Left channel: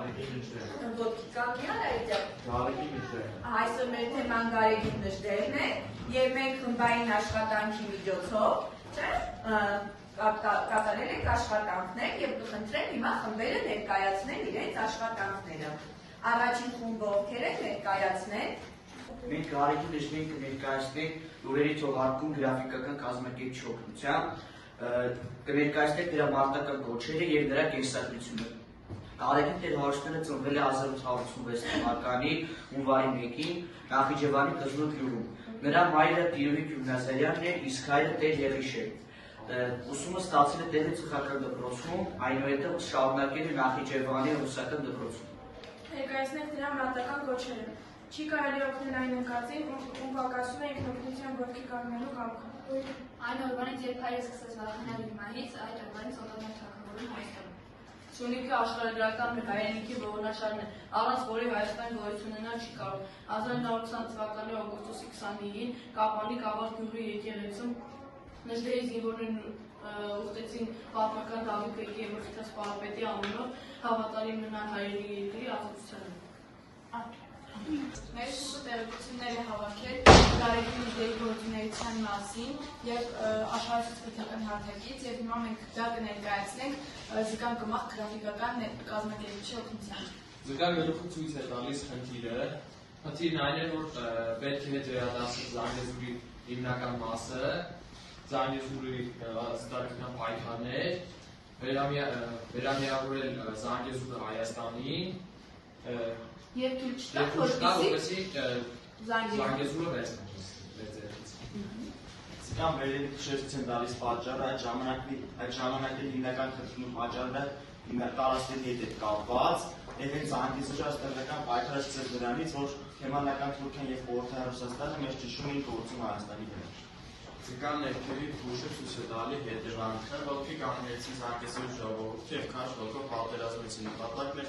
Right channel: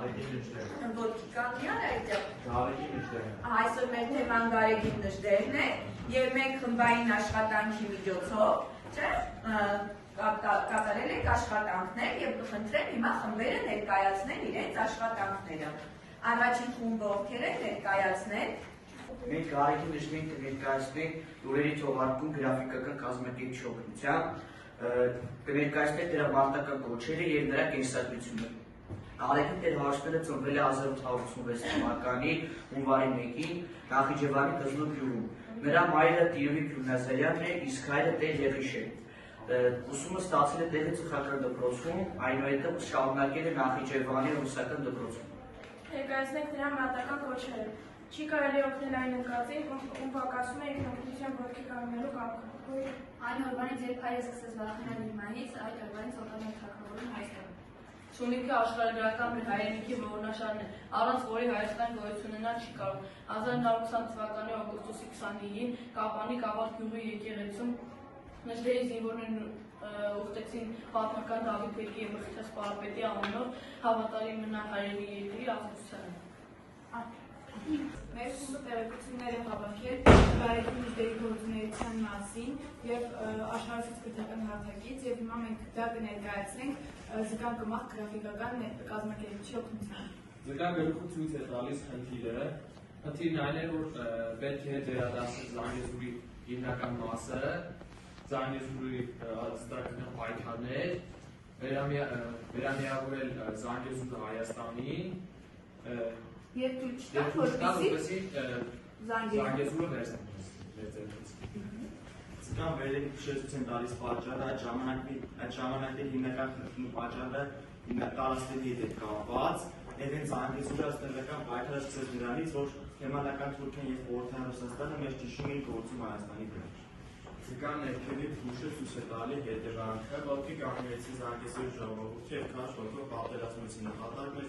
Ոտքի կամիան այդ Գարեգին այսօր մեր թեման գարեգին նժդերն է և մենք խմբային աշխատանքի միջոցով կատարել ենք աշխատանքներ և կխնդրեմ հիմա խմբերը ներկայացնել իրենց աշխատանքները։ Առաջին խումբը ովքեր են ներկայացնել։ Մենք գարեգին նժդերին կներկայացնենք լուրերի թողարկում գրաֆիկական կազմակերպիչի օգնությամբ, կներկայացնենք նրա մարտական կոչերը և նրա կենսագրությունը։ Գարեգին Տեր Հարությունյանը ծնվել է 1886 թվականի հունվարի 1-ին Նախիջևանի Կզնու գյուղում։ Նրա մայրը Տիրովիկ Յուրնազարյանն է, իսկ հայրը Տեր Եղիշեր։ Ուսումը ստացել է Տերի ծխական դպրոցում, այնուհետև շարունակել է Նախիջևանի ռուսական դպրոցում։ Ներկայացնենք նրա մարտական կոչերը։ Չի կարելի օգնել այն ընկածին, ում պակասում է ինքնօգնության ոտքի կանգնելու կամքը։ Այն օրվանից, երբ հայրը սկսեց վախենալ իր մայրից, այդ օրվանից օտարներ թագավորում Հայաստանում։ Սյունիքը աշխարհագրական մեր հայրենիքի ողորմաշարն է, առանց որի Հայաստան գոյություն ունենալ չի կարող։ 1920 թվականի օգոստոսի 29-ին Կապանի Կավառ գյուղի եկեղեցում նժդերի զինվորներն ուխտեցին պատմական Դավիթ բեկի և Մխիթաց Պարապետի անունով հավատարիմ մնալ հայերի երկրի ազատությանը։ Մեր խումբը տեղեկություններ է հավաքել գարեգին նժդերի գործունեության մասին և աշխարհացույց քրթական հարթակից և հիմա մենք դա կներկայացնենք Զգան Կմախ գրաֆիկական կազմակերպիչի օգնությամբ։ Զգան գլուխը ցույց է տալիս խնդիրը։ Խնդիրն այն է, որ պետք է վերադասի Զանգեզուրի հիմնական մասը, Զանգեզուրի զտարության պայքարներ, վերամիավորել Զանգեզուրը Հայաստանին Եվ Զանգեզուրը Զգան վերևի քշեցին տալիս պատճառը, այդ ժամանակի հիմնական խնդրի պատճառը տարածքների հետ կապված, եւ հենց Զանգեզուրը աստրալական պայքարը սկսեց դրանից, որ Գերմանական Թուրքիան եւ Խորհրդային Ռուսաստանը մեծ ճնշում էին գործում Հայաստանի վրա։ Զգան ներքևի հուշը ցույց է տալի հետևանքը, ոտքի կանգնեցի Զանգեզուրի ժողովուրդը եւ քաջ ոտքով պատերազմեցին, նպատակն էր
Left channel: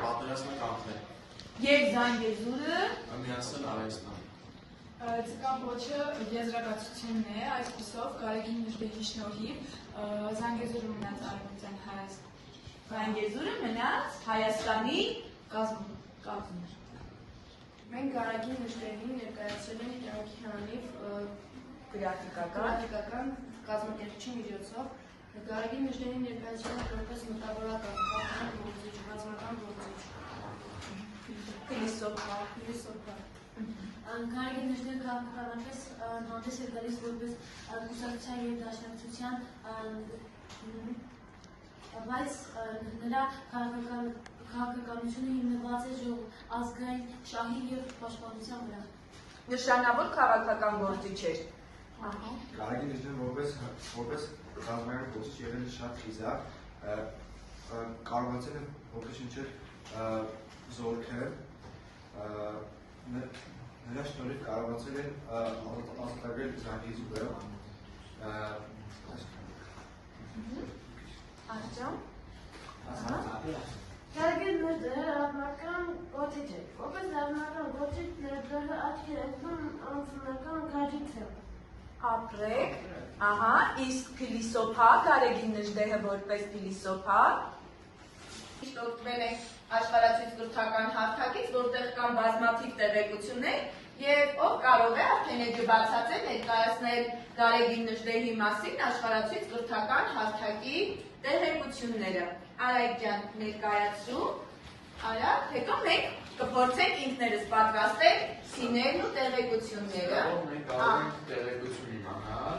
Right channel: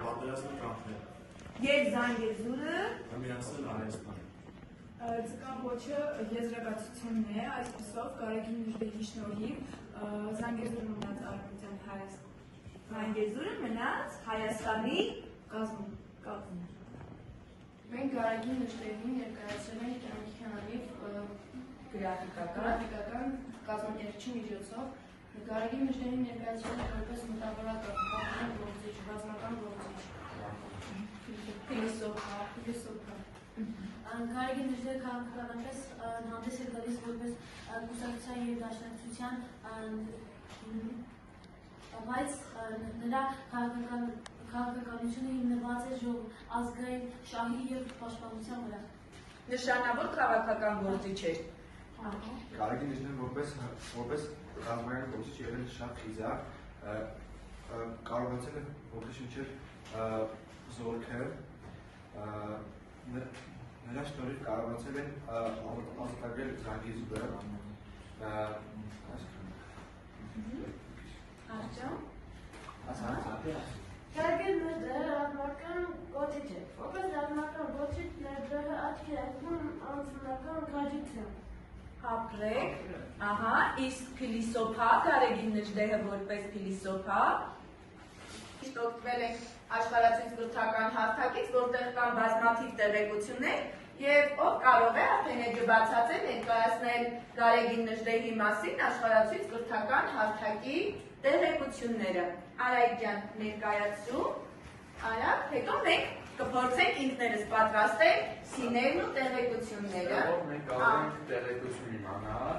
պատերազմը կանխել։ Եվ Զանգեզուրը միացնել Հայաստան։ Ձգան ոչը եզրակացությունն է, այսպիսով գարեգին նժդերի շնորհիվ Զանգեզուրը մնաց արևմտյան Հայաստան։ Զանգեզուրը մնաց Հայաստանի կազմում։ Մենք գարեգին նժդերին ներկայացրել ենք կյանքյանիվ գրաֆիկական կազմակերպիչի միջոցով։ Գարեգին նժդերին ներկայացրել ենք որպես մտավորական, քաղաքական գործիչ, ռազմական գործիչ, փիլիսոփա։ Գարեգին նժդերը քաղաքականապես հանդես է գալիս որպես կուսակցության և դաշնակցության, բայց նրա քաղաքականությունը հիմնված է ազգային շահի և պաշտպանության վրա։ Նշանավոր քաղաքական գործիչ էր։ Գարեգին նժդերը որպես ռազմական գործիչ եղել է շատ խիզախ, կարողացել է ոգեշնչել զորքեր, նրա շնորհիվ կարողացել են ազատագրել Զանգեզուրը։ Գարեգին նժդերը ռազմական գործիչ է, որպես ռազմական գործիչ նժդերը աչքի է ընկնում անձնական կարիքով։ Ապրեք, իսկ փիլիսոփա Գարեգին նժդեհը որպես փիլիսոփա օգտվել է աշխարհացույց կրթական հարթակից, որտեղ կան բազմաթիվ տեղեկություններ եւ ով կարող է արդեն էջը բացատրել ներկայացնել Գարեգին նժդեհի մասին աշխարհացույց կրթական հարթակի տեղեկությունները։ Արայք ջան, ներկայացրու, արա, հետո մենք կփորձենք ինքներս պատրաստել սիներն ու տեղեկությունները։ Մենք կարող ենք տեղեկություն իմանալ,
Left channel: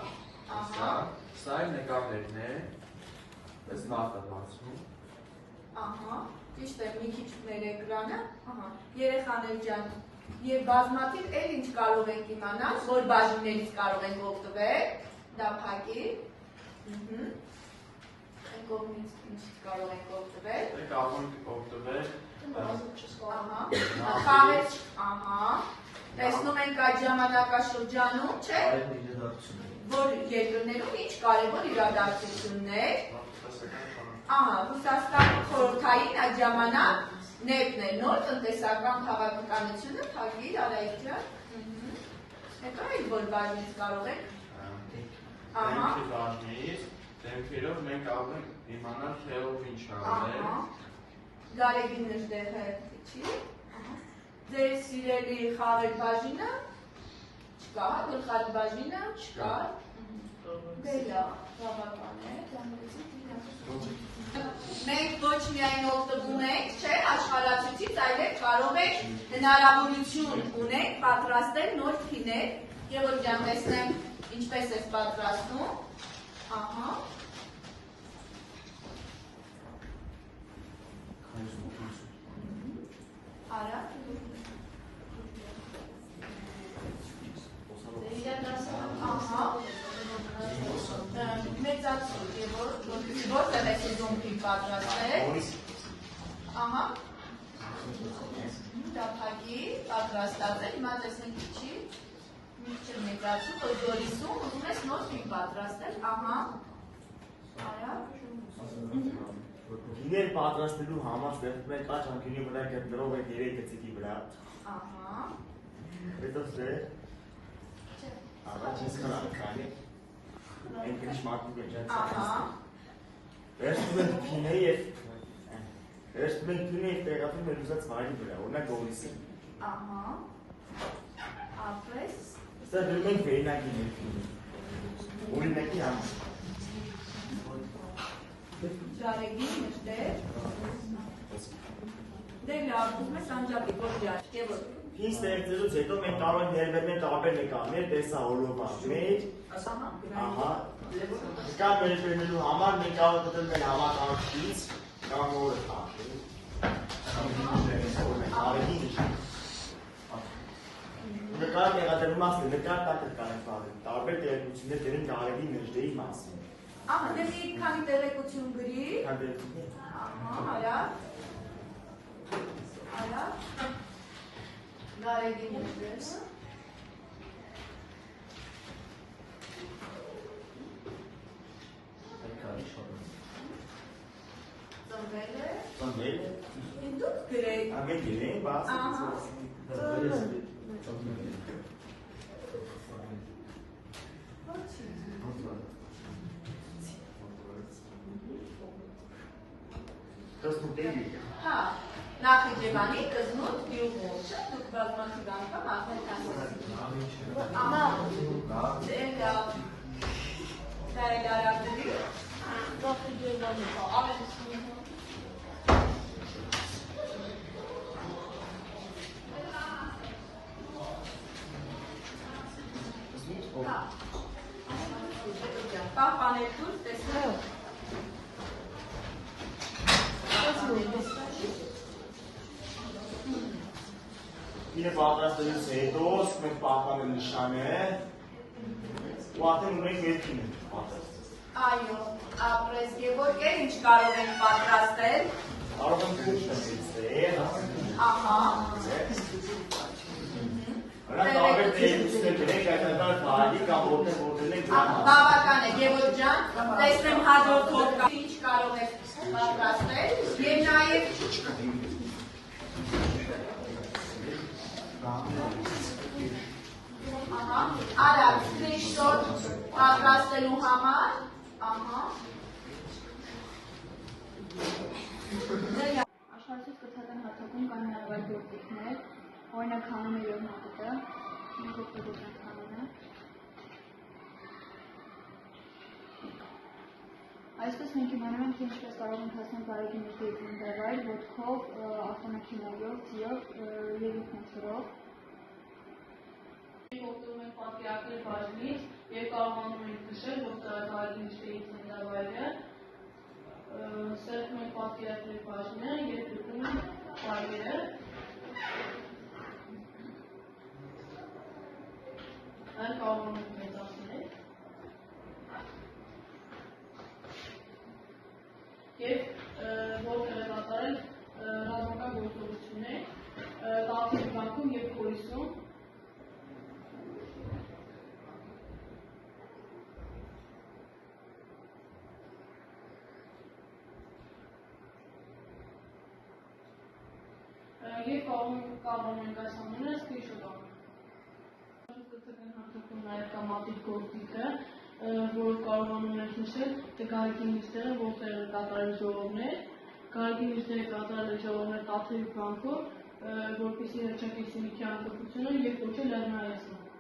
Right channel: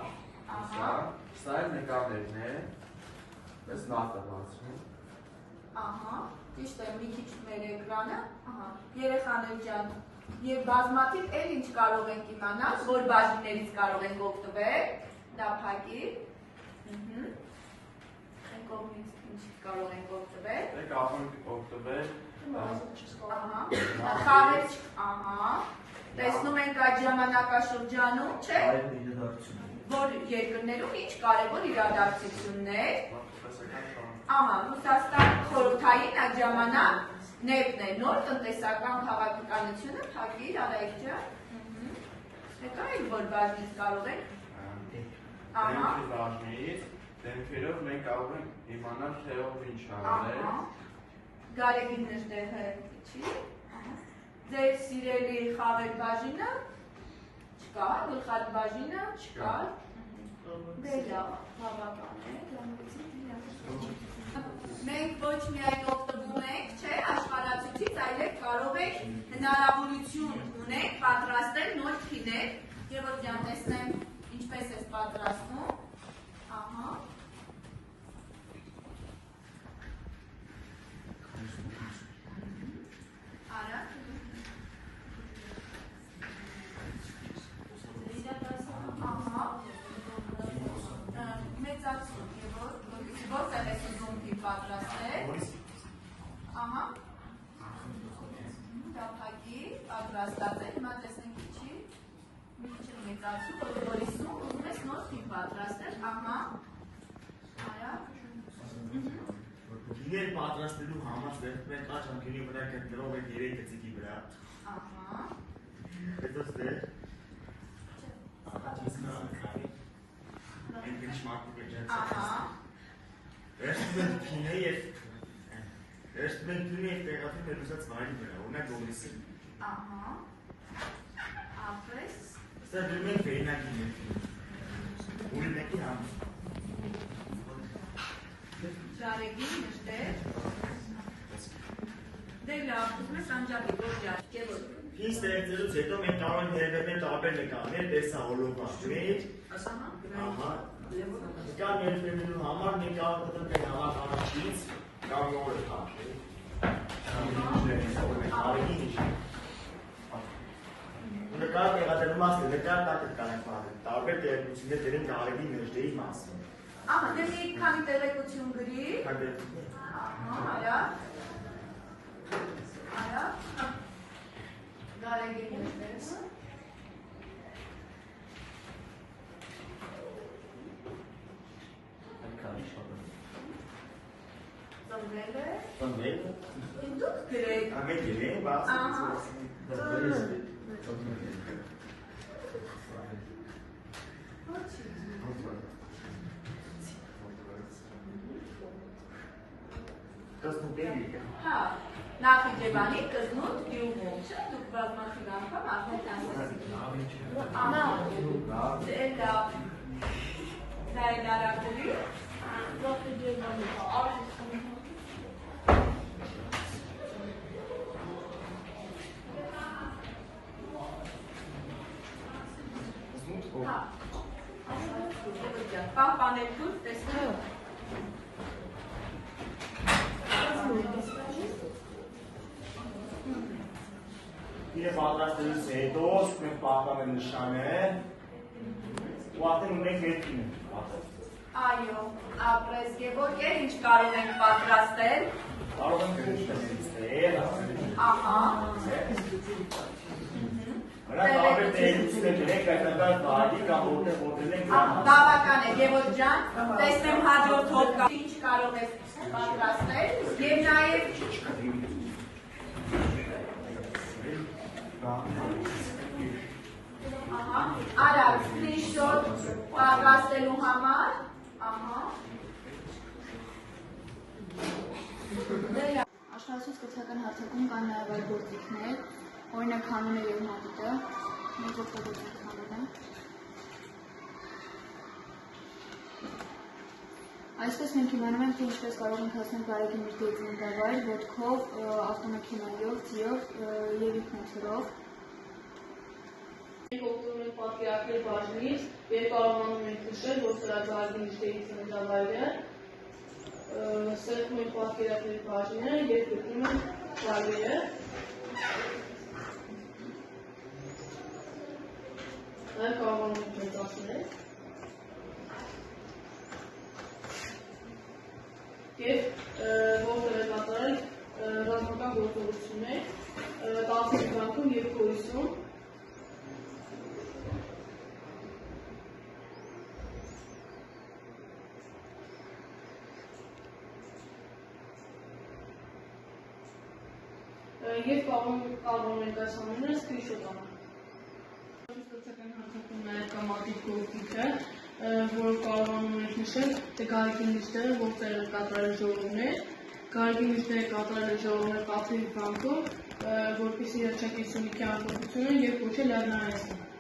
սա էլ նկարներն է, պես նախ է բացվում։ Ճիշտ է, մի քիչ մեր էկրանը, երեխաներ ջան, եւ բազմաթիվ էլ ինչ կարող ենք իմանալ, որ բաժիններից կարող ենք օգտվել, դա փակի, այն կողմից ինչ կարող ենք օգտվել, Մենք կարող ենք օգտվել խաղեր, տեսնում ենք այդ ժամանակաշրջանում, չէ, որ երկրներում ինչ կարևոր իրադարձություններ, Ռուսաստան խորհրդային այդ ժամանակ նեֆտն է, նոր տնտեսական քաղաքականությունը, թագիր, Արայքյան, հետո էլ որ բաժնից կարող ենք, դեմքի բաժնից, դեմքերով մենք կարող ենք իմանալ թե ով ինչ անել, Գարեգին նժդեհը չի։ Ձեր սիրելի խաղեր բաժինը չկա, գլխարկ բաժինը չկա։ Դե լավ, բավական է, մենք ոչ միայն օգտվում ենք, չէ, աշխարհացույցից, այլև կարող եք հնարավորություն ունենք պատրաստել նոր փիներ, Գևորգ ջան, տեսնեմ ինչպես ես պատրաստում։ Ահա։ Արա։ Ահա։ Մեծացու, որտեղ ես ուզում փին պատրաստել։ Ահա։ Դափակի, պատրաստած է, հիմա տեսնենք ինչի։ Միջը մեծացու, կոտորիսում, ուզում ես նոր փին պատրաստել, ահա։ Արա։ Փիներ պատրաստելու համար ստեղծում ենք աջ անկյունի վրա գտնվող այդ 3 գծիկի վրա։ Ահա։ Հետո ստեղ առաջին քանի Այն կնշմարդու է ջանց։ Ահա։ Վերջում ենք փինը և տեղատում մեր ուզած վայրի վրա, օրինակ գողնիսին։ Ահա։ Ապրես։ Ստեղ դրում ենք վերինակի մեր փինը։ Օրինակի համար։ Ջարեգին նշտեր։ Դե լավ, ուզում ես անջատի, որ ջար, Գևորգ։ Փին ստեղծելուց հետո մենք կարող ենք ներբերնել տարբեր նկարներ, տեսա հոլովա մեր, ահա, նկար ներբերնելու համար մենք կարող ենք մեր համակարգից կամ օրը թափել։ Արեգի միջը։ Նկարը տեղադրելու մասն է, նկար տակը կարենք պատել, տարբեր տեղեկություններ դրենք արեգի նժդեի մասին։ Ահա, դե մի քանի տեղեկություն գրի։ Հանդերձություններ։ Ահա, արա։ Արա։ Գարեգին նժդեր։ Ծնվել է։ Ծնվել է։ Դուք գրեք։ Ամեն գիրեն, բաց։ Ահա։ Տզնուտ է եկը։ Հա, Նախիջևանի Տզնուտ գյուղում, չէ՞, դուք բազմաթիվ անգամ արդեն ահա, դե լավ, հայր արագների, Նախիջևանի, պահպանեք դուր, տեսնեք։ Իրը պատրաստելուց հետո մենք պահպանը նշանը ու արդեն ունենք մեր փինը պատրաստել։ Այո, ապրես Գևորգ, ինչ կարող ենք պատրաստել։ Կարող ենք քուշ տեսնել, Ահա։ Հրա տարբեր տեղեկություններ գրենք հայտնաբար վայրի կամ որտեղ որտեղ ենք դրան։ Բավական է, Գևորգ ջան, տեսնեմ հաջորդ հոդկա ինչ կարող եք պատրաստել եւ նաեւ Ահա, արագ, screenshot պատրաստելու համար, ահա։ Աշխատանքից կրթական հարթակում կան նաև այլ գործիքներ, օրինակ հանուն է եւ մատիտը, մենք օգտագործենք հանունը։ Այսպես մենք իմանում ենք, թե ինչպես կարող ենք հասնել Գարեգի նժդեի ծննդավայր ոտքով, ավտոմեքենայով, ձիով եւ ինքնաթիռով։ Մենք օգտվում ենք պատկերակրի բաժնից եւ կարողանում ենք նշել, որ սրա Գարեգի նժդեի ծննդավայրը սեղմում ենք պատկերակրի բաժինը եւ գտնում ենք վայրերը։ Այլ կարողանում ենք մեծացնել։ Եվ որտեղ է կատարել ռազմական գործողություններ, 10 վանքում եւ Փորիսում։ Եվ կարողանում ենք այս ամենը screenshot անել։ Կրթական հարթակում նաև կա մատիտ գործիքը, որով կարողանում ենք նշել, թե Գարեգի նժդեը որտեղ է կատարել ժողովներ, Գարեգին միջները կատարել է ժողովներ Տաթևի բանկում, որպեսզի հռչակի Սյունիքի անկախությունը և կոչել լեռնարարեցնել։